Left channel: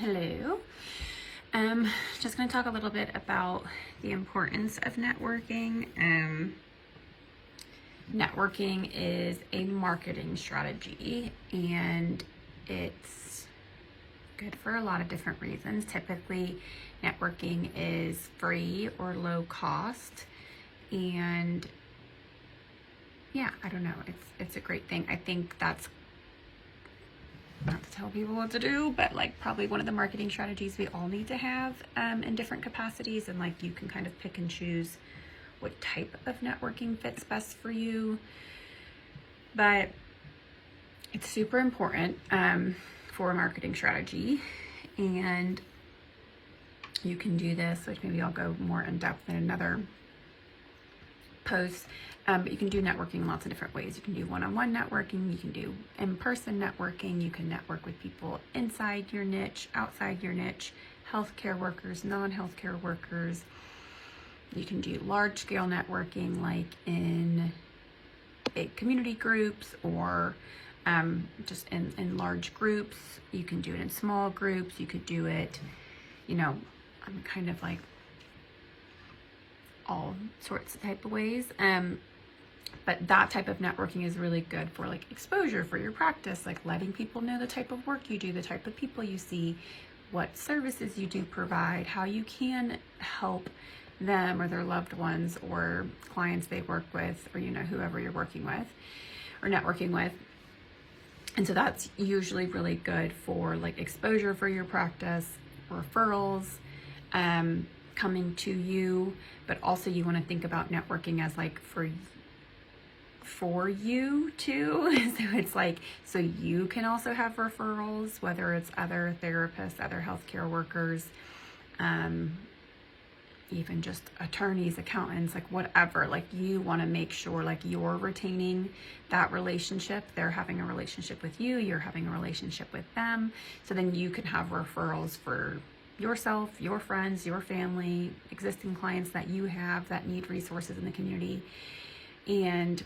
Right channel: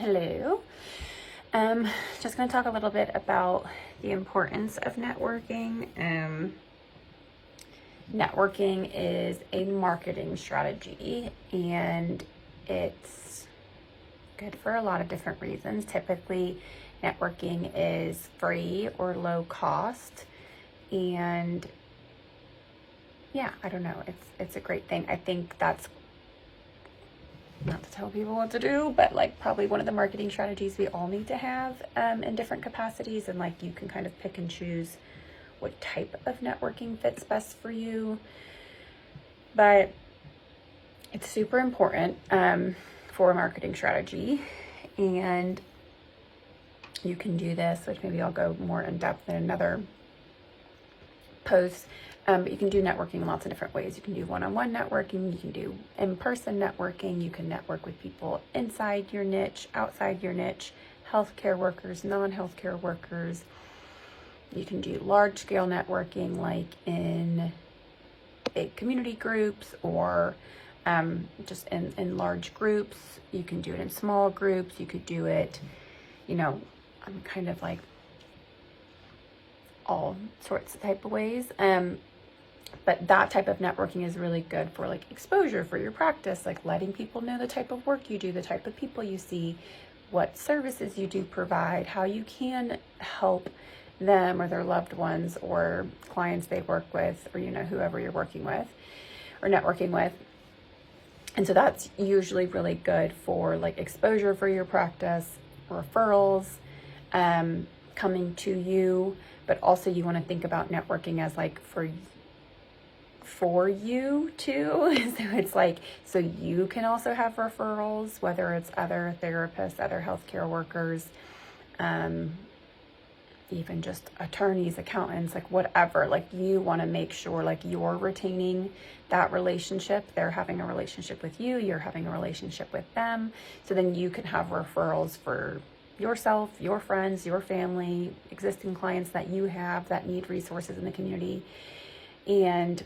Hello. Just going to talk a little bit about the importance of networking. Networking is a marketing strategy, and it's good for a lot of different reasons. Typically, networking is free or low cost, and yeah, I don't know. It's a great thing. I think that's not to tell people what to do, but like probably one of the marketing strategies we all need to have in different capacities, and like you can kind of pick and choose what type of networking fits best for you. But it's super important for a marketing strategy, and you can do this, which maybe I'll go more in depth in another post. But you can do networking in lots of different ways. You can do one-on-one networking, you can do in-person networking, you can network with people inside your niche, outside your niche, healthcare workers, non-healthcare workers. You can do large-scale networking like in big community groups or just in large groups. You can do it in small groups. You could do it, kind of like all sorts of type of ways. But that type of networking is really good for like exposure for your practice, like letting people know the type of work you do, the type of people you see, what services you do provide, how you can help them or their loved ones or clients they work with, or whoever you're working with or networking with. And so that's usually really good for like exposure for your practice, referrals, coming to you, but also you want to think about networking as like for you too. So it's like, so you can also have referrals, whether it's other therapists, other healthcare workers, even just attorneys, accountants, like whatever. Like you want to make sure like you're retaining that relationship. They're having a relationship with you. You're having a relationship with them. So then you can have referrals for yourself, your friends, your family, existing clients that you have that need resources in the community. And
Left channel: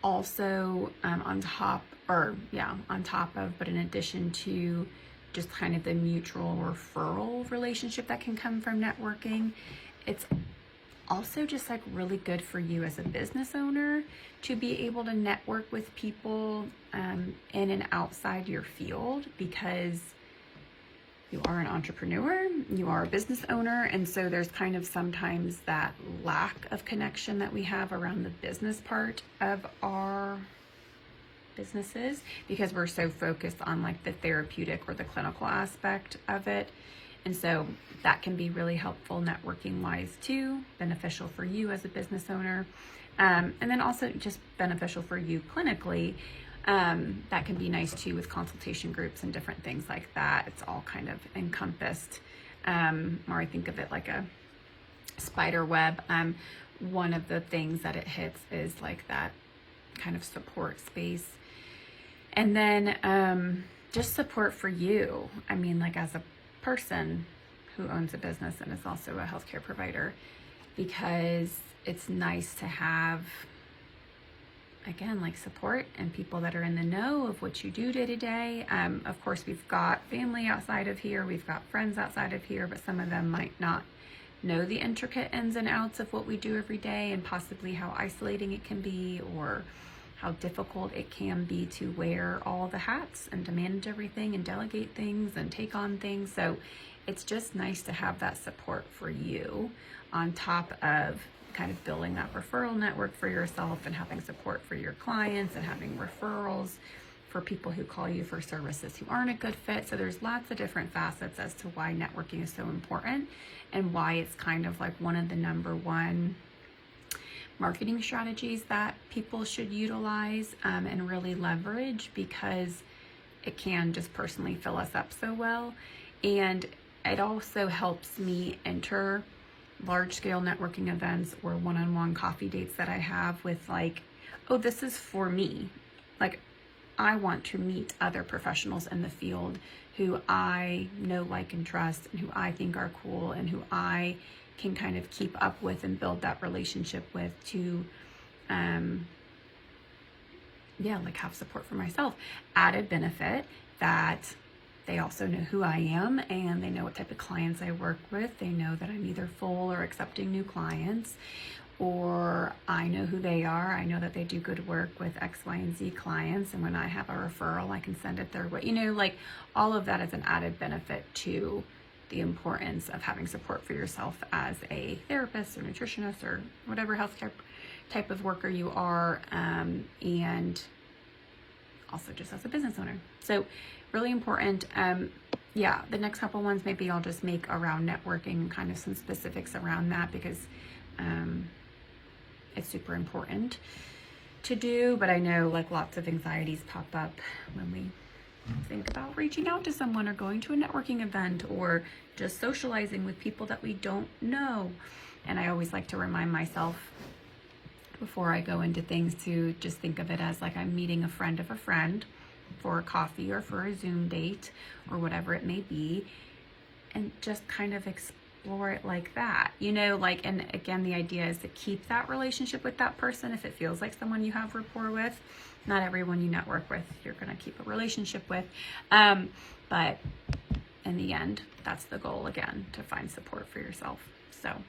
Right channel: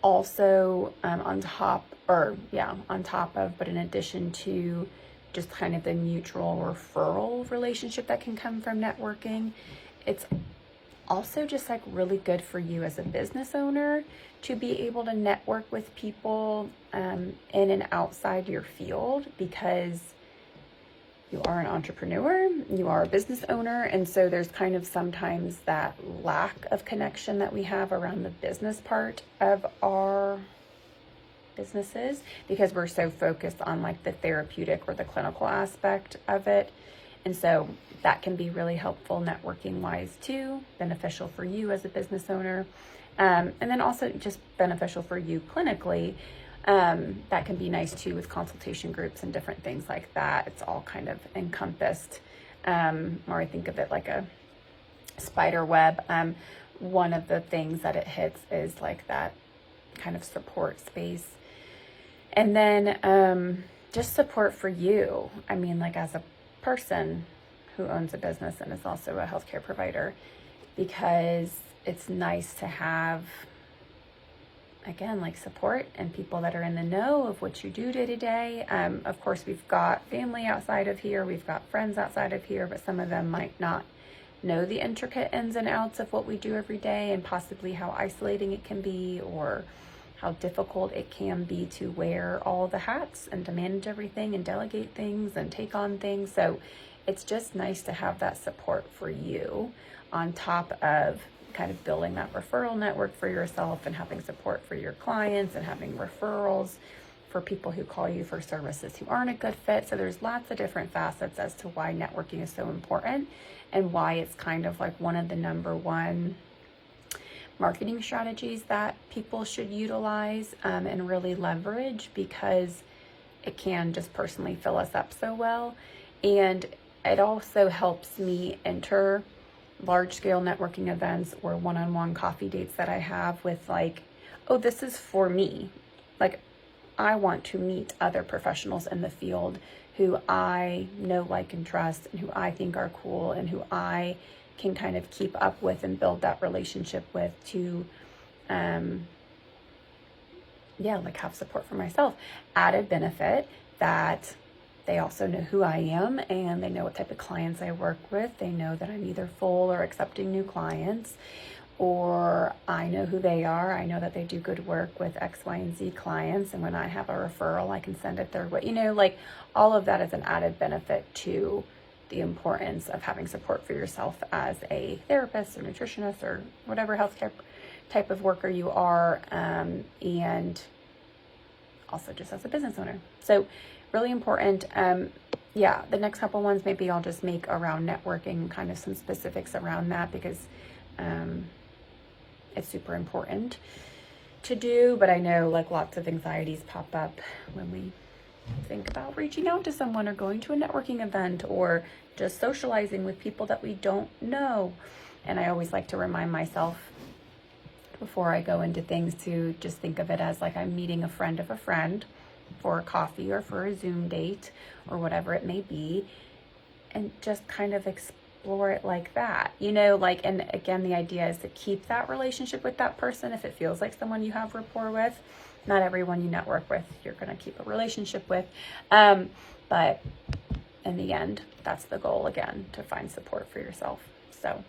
also on top of, but in addition to just kind of the mutual referral relationship that can come from networking, it's also just like really good for you as a business owner to be able to network with people in and outside your field, because you are an entrepreneur, you are a business owner, and so there's kind of sometimes that lack of connection that we have around the business part of our businesses because we're so focused on like the therapeutic or the clinical aspect of it. And so that can be really helpful networking wise too, beneficial for you as a business owner, and then also just beneficial for you clinically. That can be nice too with consultation groups and different things like that. It's all kind of encompassed, or I think of it like a spider web. One of the things that it hits is like that kind of support space. And then just support for you. I mean, like as a person who owns a business and is also a healthcare provider, because it's nice to have, again, like support and people that are in the know of what you do day to day. Of course, we've got family outside of here, we've got friends outside of here, but some of them might not know the intricate ins and outs of what we do every day and possibly how isolating it can be or how difficult it can be to wear all the hats and to manage everything and delegate things and take on things. So it's just nice to have that support for you on top of kind of building that referral network for yourself and having support for your clients and having referrals for people who call you for services who aren't a good fit. So there's lots of different facets as to why networking is so important and why it's kind of like one of the number one marketing strategies that people should utilize and really leverage, because it can just personally fill us up so well. And it also helps me enter large-scale networking events or one-on-one coffee dates that I have with like, oh, this is for me. Like, I want to meet other professionals in the field who I know, like, and trust, and who I think are cool, and who I can kind of keep up with and build that relationship with to, like have support for myself. Added benefit that they also know who I am, and they know what type of clients I work with. They know that I'm either full or accepting new clients, or I know who they are. I know that they do good work with X, Y, and Z clients. And when I have a referral, I can send it their way. You know, like all of that is an added benefit to the importance of having support for yourself as a therapist or nutritionist or whatever healthcare type of worker you are, and also just as a business owner. So really important. Yeah, the next couple ones maybe I'll just make around networking, kind of some specifics around that, because it's super important to do. But I know like lots of anxieties pop up when we think about reaching out to someone or going to a networking event or just socializing with people that we don't know. And I always like to remind myself before I go into things to just think of it as like I'm meeting a friend of a friend for a coffee or for a Zoom date or whatever it may be, and just kind of explore it like that, you know, like, and again, the idea is to keep that relationship with that person if it feels like someone you have rapport with. Not everyone you network with you're going to keep a relationship with, but in the end, that's the goal, again, to find support for yourself. So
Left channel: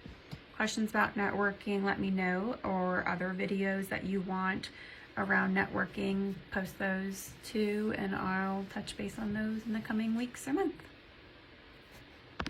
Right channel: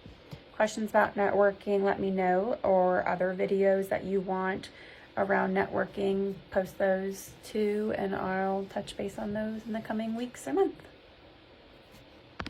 questions about networking, let me know, or other videos that you want around networking, post those too, and I'll touch base on those in the coming weeks or month.